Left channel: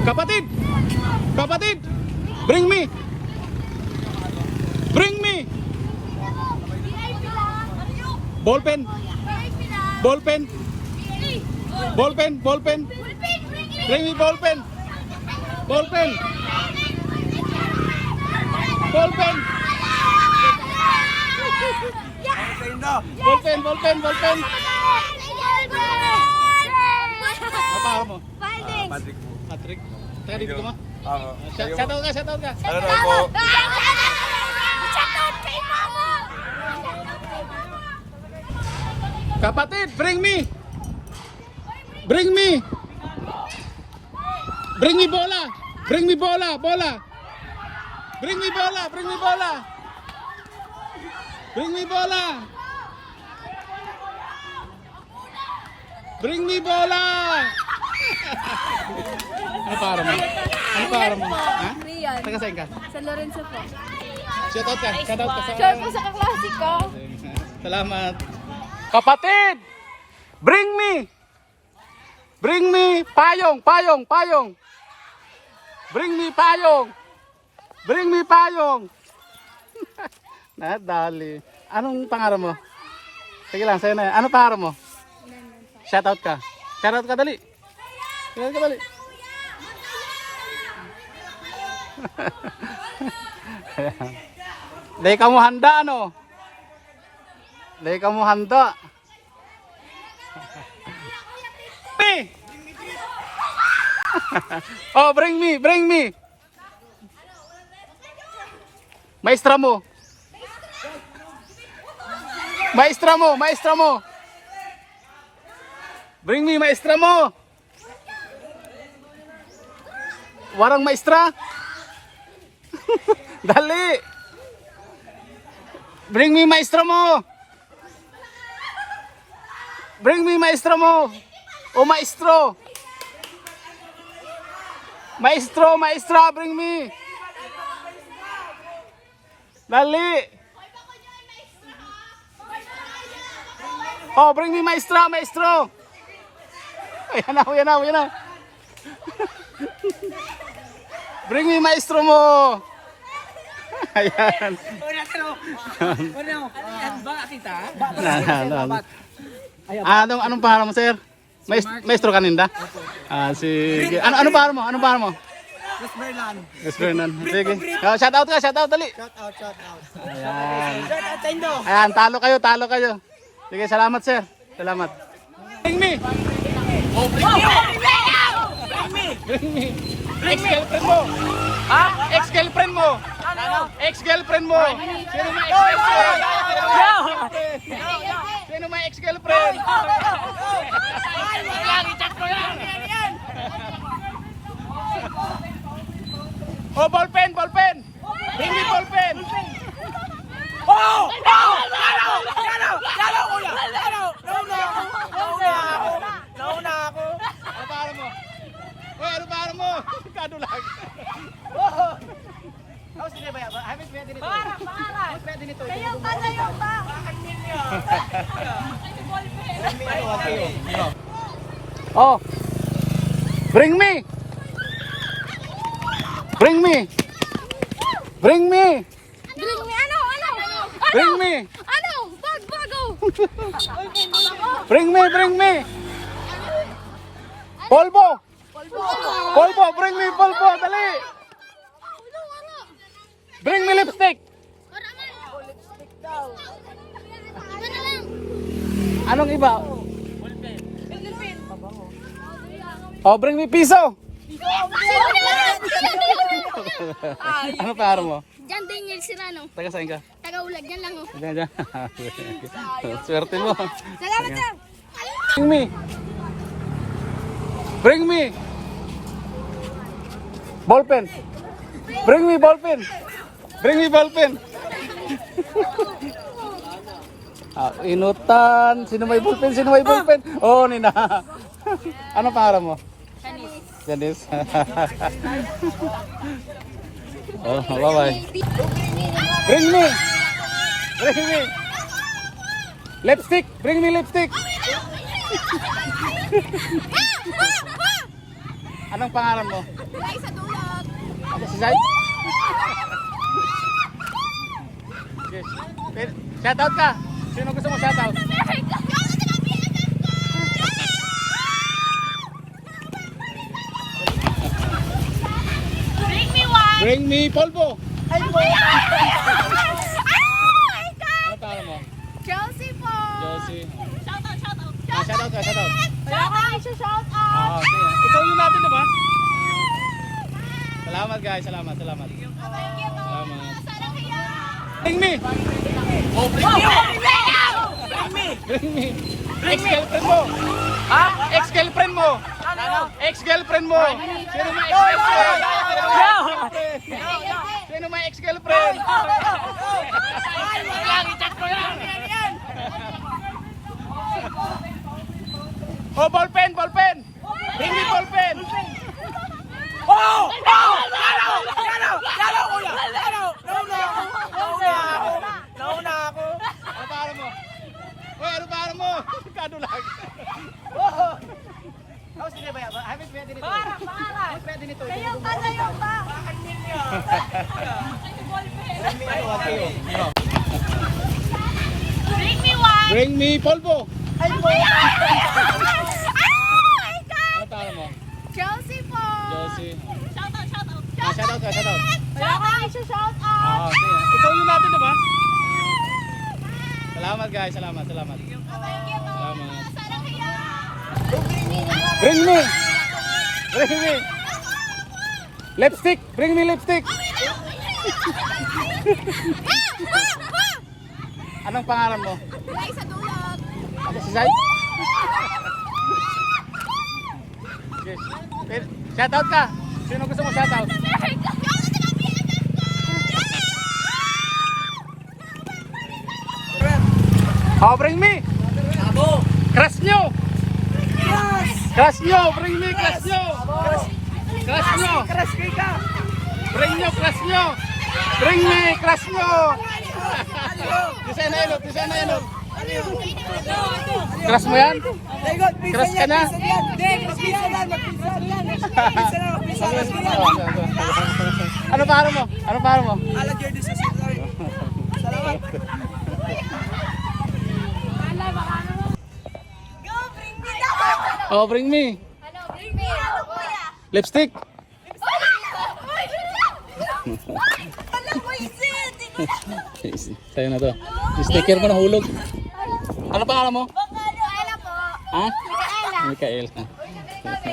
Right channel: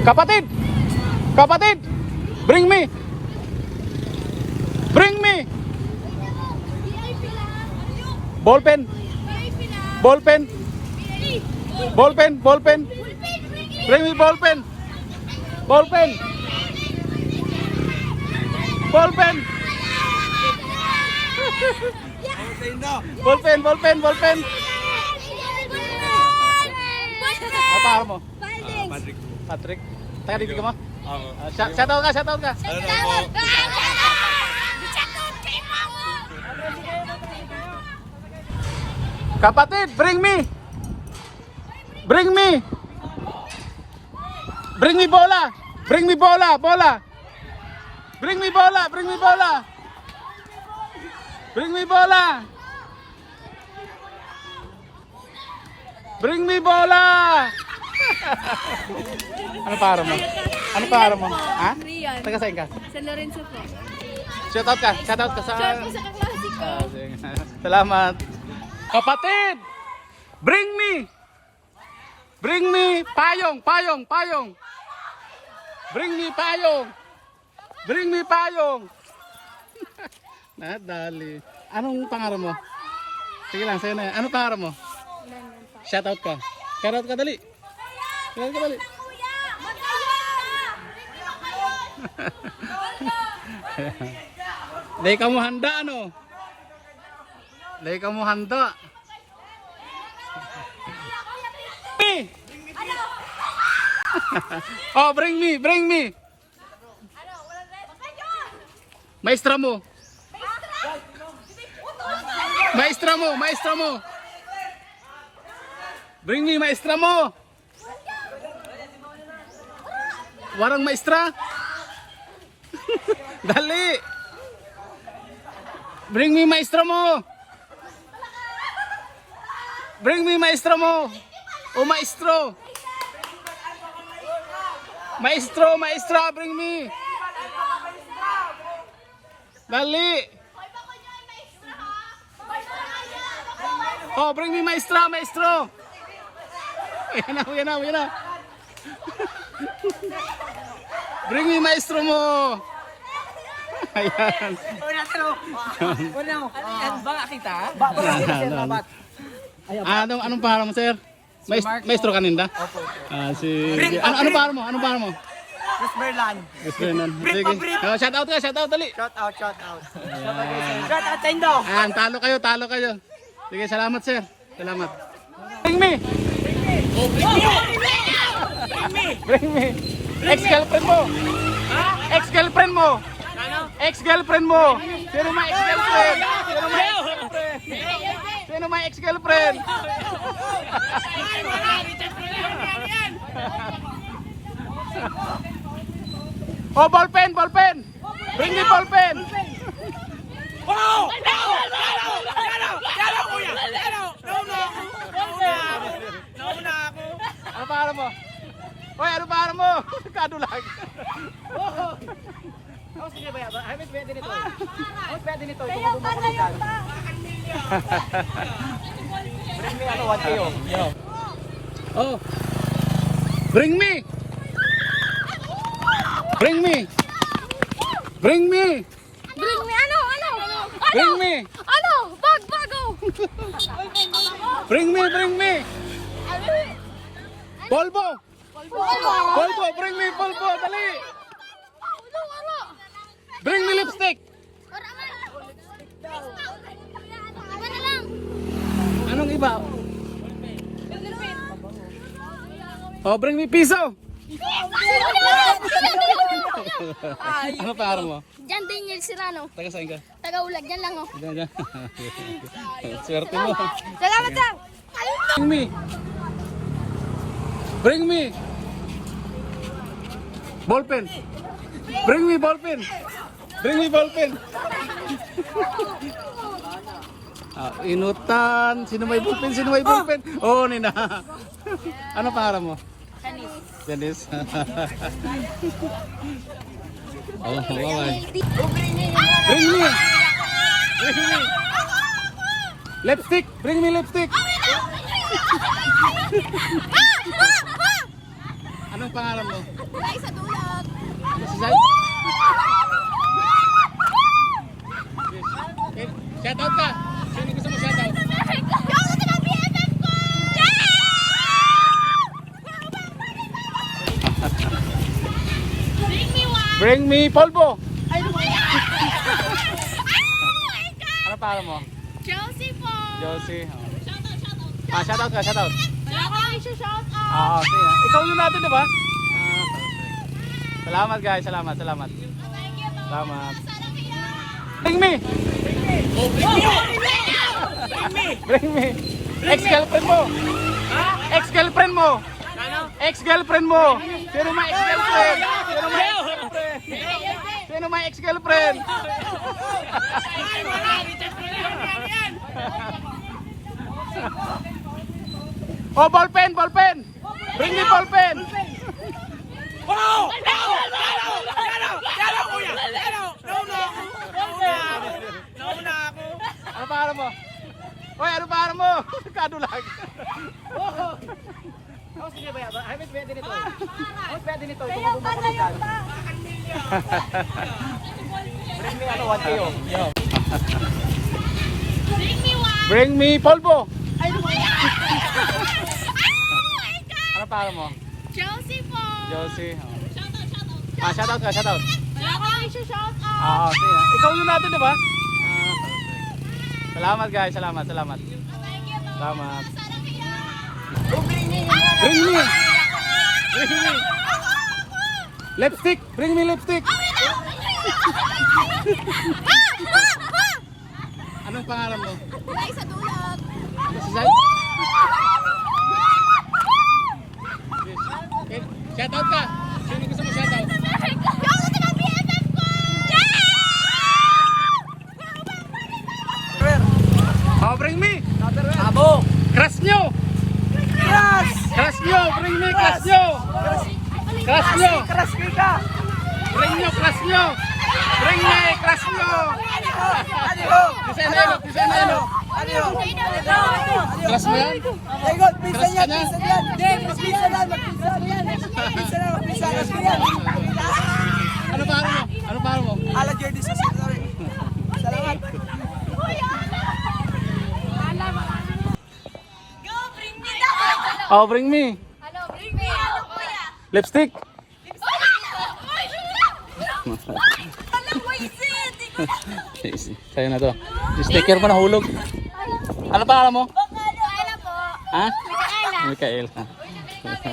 Kapatid! Kapatid! Bring me! Bring me! Ballpen! Ballpen! Ballpen! Ballpen! Bring me ballpen! Ballpen! Ballpen! Ballpen! Ballpen! Ballpen! Ano pa mo? Patrick po. Patrick? Taga dito ka mo? Ako. Ah, Shout shout out ka, shout out ka. Ano na po? Kapatid, bring me! Bring me! Bring me bola! Bring me bola! Bola! Bring me bola! Bring me bola! Bring me bola! Bring me bola! Ano para mo? Ano para mo? Ha? Rian. Taga saan ka? San Lorenzo po. Shout out ka, shout out ka sa... Shout po sa kaklase ko. Salamat. Kapatid! Bring me! Bring me payong, payong, payong. Bring me payong. Bring me payong. Nadali. Anong pangarap mo? Sige lang, sa'yo na yan. Anong pangarap mo? Shout out ka. Shout out ka, dali. Sige ka, dali. Dahil ka mo handa, ano? Dahil ka mo handa. Oh, bring me, bring me. Maestra mo. Maestra mo, maestra mo. Bring me, maestra mo. Warang maestra. Dali. Bring me maestro mo. Bring me maestro mo. O maestro. Maestro, maestra, bring me. Dali. Oh, bring me maestra, maestro. Ayan na, ayan na, ayan na. Bring me maestro mo. Ayan. Ano? Ano ba kita? Anong anong pangalan mo, sir? Maes maestro kaninda? Ah, si Ano ano pangalan mo? Anong pangalan mo? Chris Merlan. Yes, Fernan. Sige. Oh, shout out ka, shout out dali. Shout out, shout out. Ayan. Shout out, Tendo. Ayan, talo kayo, talo kayo. Sige, salamat, sir. Salamat. Bring me. Bring me. Ex-girlfriend mo. Ha? Ex-girlfriend mo. Ex-girlfriend mo. Sino may ex-girlfriend? Sino may ex-girlfriend? Oh, ballpen, ballpen. Bring me ballpen. Oh! Oh! Ano? Ano? Ano, kuya? Ano? Nauna ako. Nauna ako. Nauna ako. Ano para mo? Hoy, ano para mo? Kado lang. Oh. How's the ba? Hamid ready nito. How's ready nito? Kaya pa na yung ba? Oh. Bring me. Bring me. Bring me. Bring me, ano, ano? Bring me. Ano? Bag, bago. Bring me, bring me. Polvo. Polvo, bring me polvo, dali. Ulo, ano? Bring me lipstick. Oraman. Ano na lang? Anong iba? Oh, bring me piso. ano pangalan mo? Jan Daniel Sirano. Taga saan ka? Taga-ulag, yan lang oh. Diyan, diyan. Swerte mo. Salamat, sir. Bring me. Bring me. Ballpen. Bring me ballpen. Bring me ballpen. ah, inutan. Sino may ballpen? Sino may ballpen? Oo, oh, Nina. ano pangalan mo? Janice. oh, bye-bye. Bring me. Bring me. Lipstick. Bring me lipstick. Ano Anong pangalan mo? Ay, sa dulot. Si Zay? Okay. Shoutout ka. Sino gusto mo shoutout? Yung Bring me one! Bring me polvo. God! Ano pangalan mo? Chelsea po! Josie. Shout out, shout out! Ah, shoutout ka, shoutout. Wala ko na shout Ah, out! sige. Ikaw yung natin, diba? Salamat guys, salamat, salamat. Thank you po! Salamat. Bring me! Oh, bring me! Bring me! Bring me! Ex-girlfriend mo! Ha? Ex-girlfriend mo! Ex-girlfriend mo! Sino may ex-girlfriend? Sino may ex-girlfriend? Ay, wala! I-chat ko lang! Yan, yan! Oh, ballpen, ballpen! Bring me ballpen! Oh! Oh! Yano! Yano! Yano, kuya! Yano! Nauna ako! Nauna ako! Nauna ako! Ano pangalan mo? Hoy, ano pangalan mo? Kado lang. Oh! Oh, sige ba? Hamit ready nito. Para! Para! Hamit ready nito. Kaya pala yung ba? Bring me ano, one. Bring me! Bring me polvo. Ay, my God! Ano pangalan mo? Chelsea po! Josie. Shout out, shout out! Ah, shoutout ka, shoutout. Wala ko na shout Ah, out! sige. Ikaw yung natin, diba? Salamat guys, salamat, salamat. Salamat. Sarang hiya! Bring me! Bring me! Lipstick! Bring me lipstick! Anong pangalan mo? Ay, sa dulot. Ano si Zay? Okay. Okay. Shoutout ka! Sino gusto mo BFF ko! Oh, bring me! Abo! Crush nyo! Yes! Crush nyo! Bring me crush nyo! Crush nyo! Crush me ka! Bring nyo crush nyo! Bring me crush nyo! Bisa na yun, bisa na yun. Crush mo yan? Crush ka na? Ano pangalan mo? Ano pangalan mo? Ala Jordi sa Salamat. Go, bring me! Oh, bring me. Ano, bring me? Lipstick. Alam! Sa'yo na to. Sticker mo nahulog. Ano pangalan mo? Micaela po. Ha? Micaela. Mikael. Uy, nabili kami.